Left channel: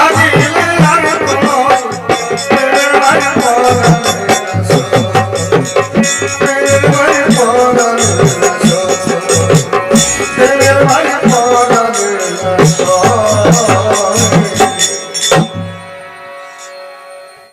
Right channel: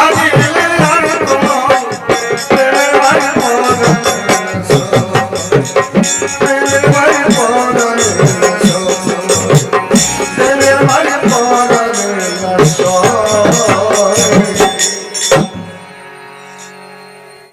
মন